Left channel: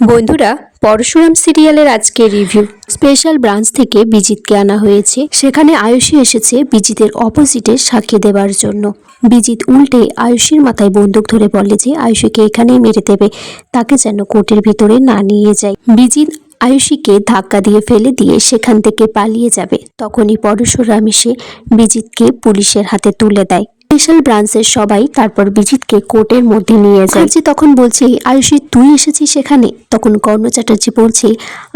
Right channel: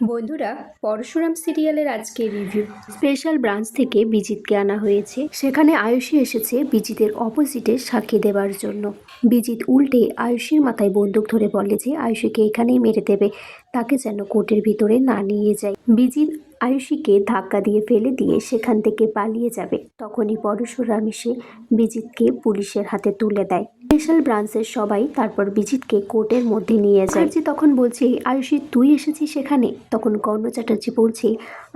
বন্ধুরা, পরশুরাম সিরিয়ালের আজকে রিভিউ। স্পেশাল ব্রাঞ্চ থেকে বিজিতকে আনা হয়েছে। সেখানে আয়ুষী এসেছে বিজিতের অপোজিটে সাক্ষী দেওয়ার জন্য। বিজিত উল্টে আয়ুষীর মাথায় বন্দুক ধরে বলে যে আয়ুষীকে এখানেই মেরে দেবে, তাকে যেন কোর্টের ভিতরে না নিয়ে যায়। বিজিত আয়ুষীকে ধাক্কা দিয়ে ফেলে দিয়ে সেখান থেকে পালিয়ে যাবে। তখনই পরশুরাম এসে বিজিতকে পুলিশের হাতে তুলে দেয়। স্পেশাল ব্রাঞ্চের সবাই তারপর বিজিতকে কোর্টের মধ্যে নিয়ে যায়। তখন বলছে, আয়ুষী তুই এসেছিস সেখানে? তখন কর্ণ চ্যাটার্জি বলছে,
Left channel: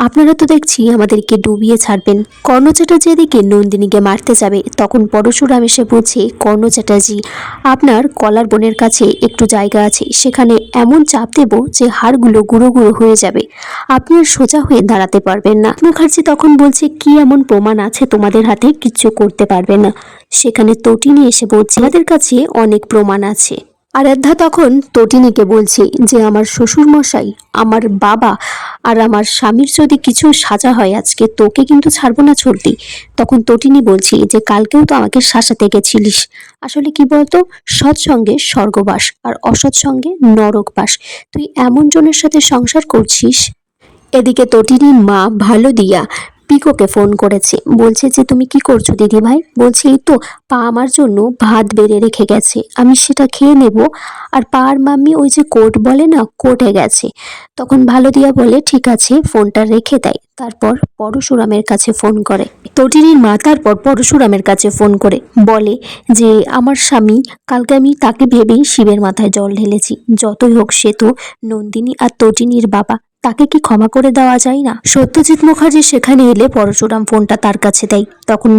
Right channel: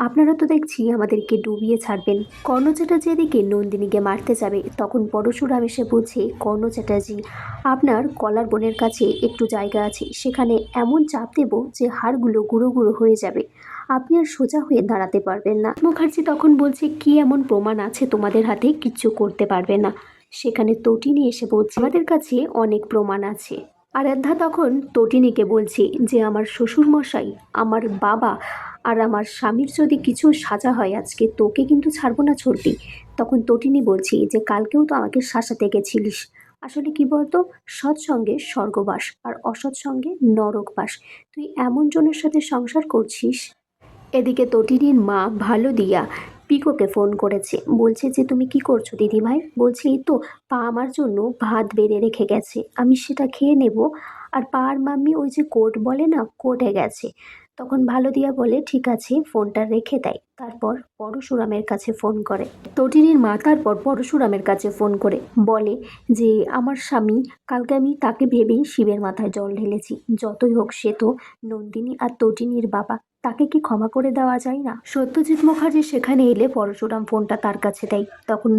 আপনারা তো দেখছি আমাদেরকে ডুবিয়ে ছাড়বেন। কর্ণ চ্যাটার্জি এদিকে নন্দিনীকে মারতে যাবে, তখন পরশুরাম এসে বলছে, কর্ণ চ্যাটার্জি আপনার কলার বোনের কাছে একটু জায়গা আছে, সেখানে এমন চাপ দেব যে হাড়গুলো গুঁড়ো গুঁড়ো হয়ে যাবে, আপনি আর সোজা হয়ে দাঁড়াতে পারবেন না। মুখার্জি তখন বলছে, কি এমন প্রমাণ আছে তোমাদের হাতে কিচ্ছু করতে পারবে না? সেখানে তটিনী এসে বলছে, আমাদের কাছে অনেক প্রমাণ আছে। আরাধ্যা তখন তটিনীকে বলছে যে আমার শ্বশুর মশাই, আমার বাবা আর আমার স্বামীর যদি কিছু সাজা হয় আজকে, তোকে কিন্তু ছাড়বো না ছর্দি। তখন তটিনী বলছি যে কালকেও তো আমাকে শাসাতে গেছিলিস। আসলে কি বলতো, সৎসঙ্গে স্বর্গবাস আর অসৎসঙ্গে নরকবাস। তুই এমন জনের সাথে সংসার করছিস। এদিকে তটিনীর মা ভালো দিয়া পিকোকে ফোন করেছে, বলছে যে তুমি কি করছো দিদি ভাই? বলছে এই তো পা আমার জন্য ভাত বেড়ে রেখে গেছে, আমি সেটা খেয়ে নেব। আর পা আর মাম্মি ওই যে কোর্ট বলে না, কোর্টে গেছে। তখন ভালো দিয়া বলে ঠিক আছে, ফোনটা রেখে দেয়। তারপর পরশুরামের কাছে ফোন করে তটিনীর মা। তারপর পরশুরামের কাছে ফোন করে বলে যে আমার স্বামী, কালকে আমি তাকে ভেবেই শিবের মাথায় জল ঢেলেছি। যতই হোক সে তো নন্দিনী আর তটিনীর বাবা, তাকে কি ক্ষমা করে দেওয়া যায় না? সত্যজিৎ মুখার্জি সেখানে এলে পরশুরাম ফোনটা তার কাছে দেয়। তখন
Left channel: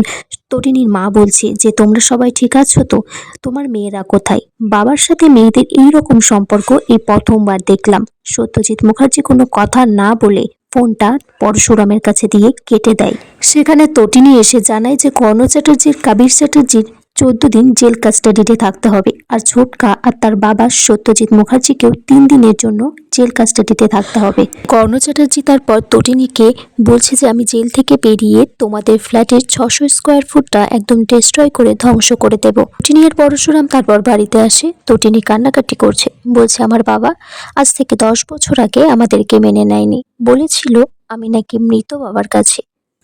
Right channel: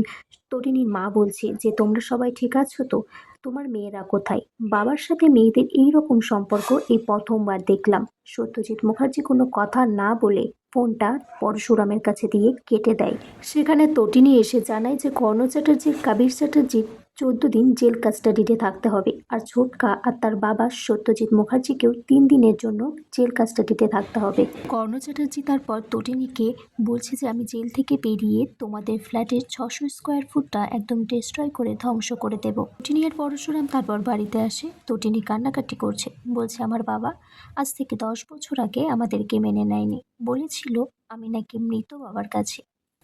তটিনীর মা বলছে যে তোমরা সবাই ঠিক আছো তো? তোমার মেয়েরা কোথায়? বাবার সাথে মেয়েদের এইরকম সম্পর্ক এই প্রথমবার দেখলাম। সত্যজিৎ মুখার্জি কোনো কথা না বলে ফোনটা পরশুরামের কাছে দিয়ে কেটে দেয়। সেখানে তটিনী এসে জানায় যে কর্ণ চ্যাটার্জির কাবির চ্যাটার্জির 14 দিন জেল কাস্টাডিতে থাকতে হবে, আর ছোটকা আর তার বাবা সত্যজিৎ মুখার্জিকেও 3 দিনের জন্য জেল কাস্টাডিতে থাকতে হবে। কর্ণ চ্যাটার্জি তারপর তটিনীকে বলছে যে আমি জেল থেকে বেরিয়ে তোমাদের ফ্ল্যাটের 600 স্কোয়ার ফুটটা একদম ডিস্ট্রয় করে ধ্বংস করে দেব। তটিনী আর পরশুরাম তারপর বাড়িতে আসে। তটিনী কান্নাকাটি করছে, বলছে আমার বাবা আজ থেকে 10 বছর আগে আমাদেরকে মেনে নেয়নি, বলেছিল আমি নাকি মৃত বাবার কাছে,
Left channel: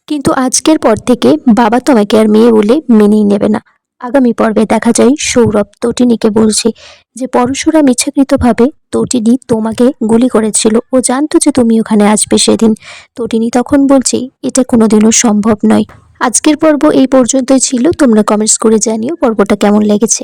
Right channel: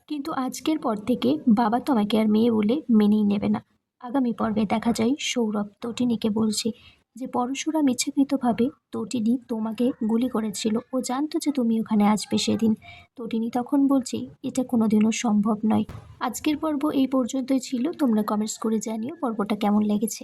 কিন্তু আজকের পর থেকে বাবা তোমাকে আর মেয়ে বলে মেনেই নেবে না। আগামী পর্বে দেখা যায় সৌরভ তটিনীকে বলছে যে পরশুরাম ইচ্ছাকৃতভাবে তটিনী তোমাকে গুলি করেছিল, ও জানতো যে তুমি ওখানে আসবে সেদিন। তটিনী তখন বলছে এটা কোনোদিনও সম্ভব নয়। আজকের পর্ব এই পর্যন্তই ছিল। তোমরা কমেন্টস করে জানিও পর্বটা কেমন লেগেছে।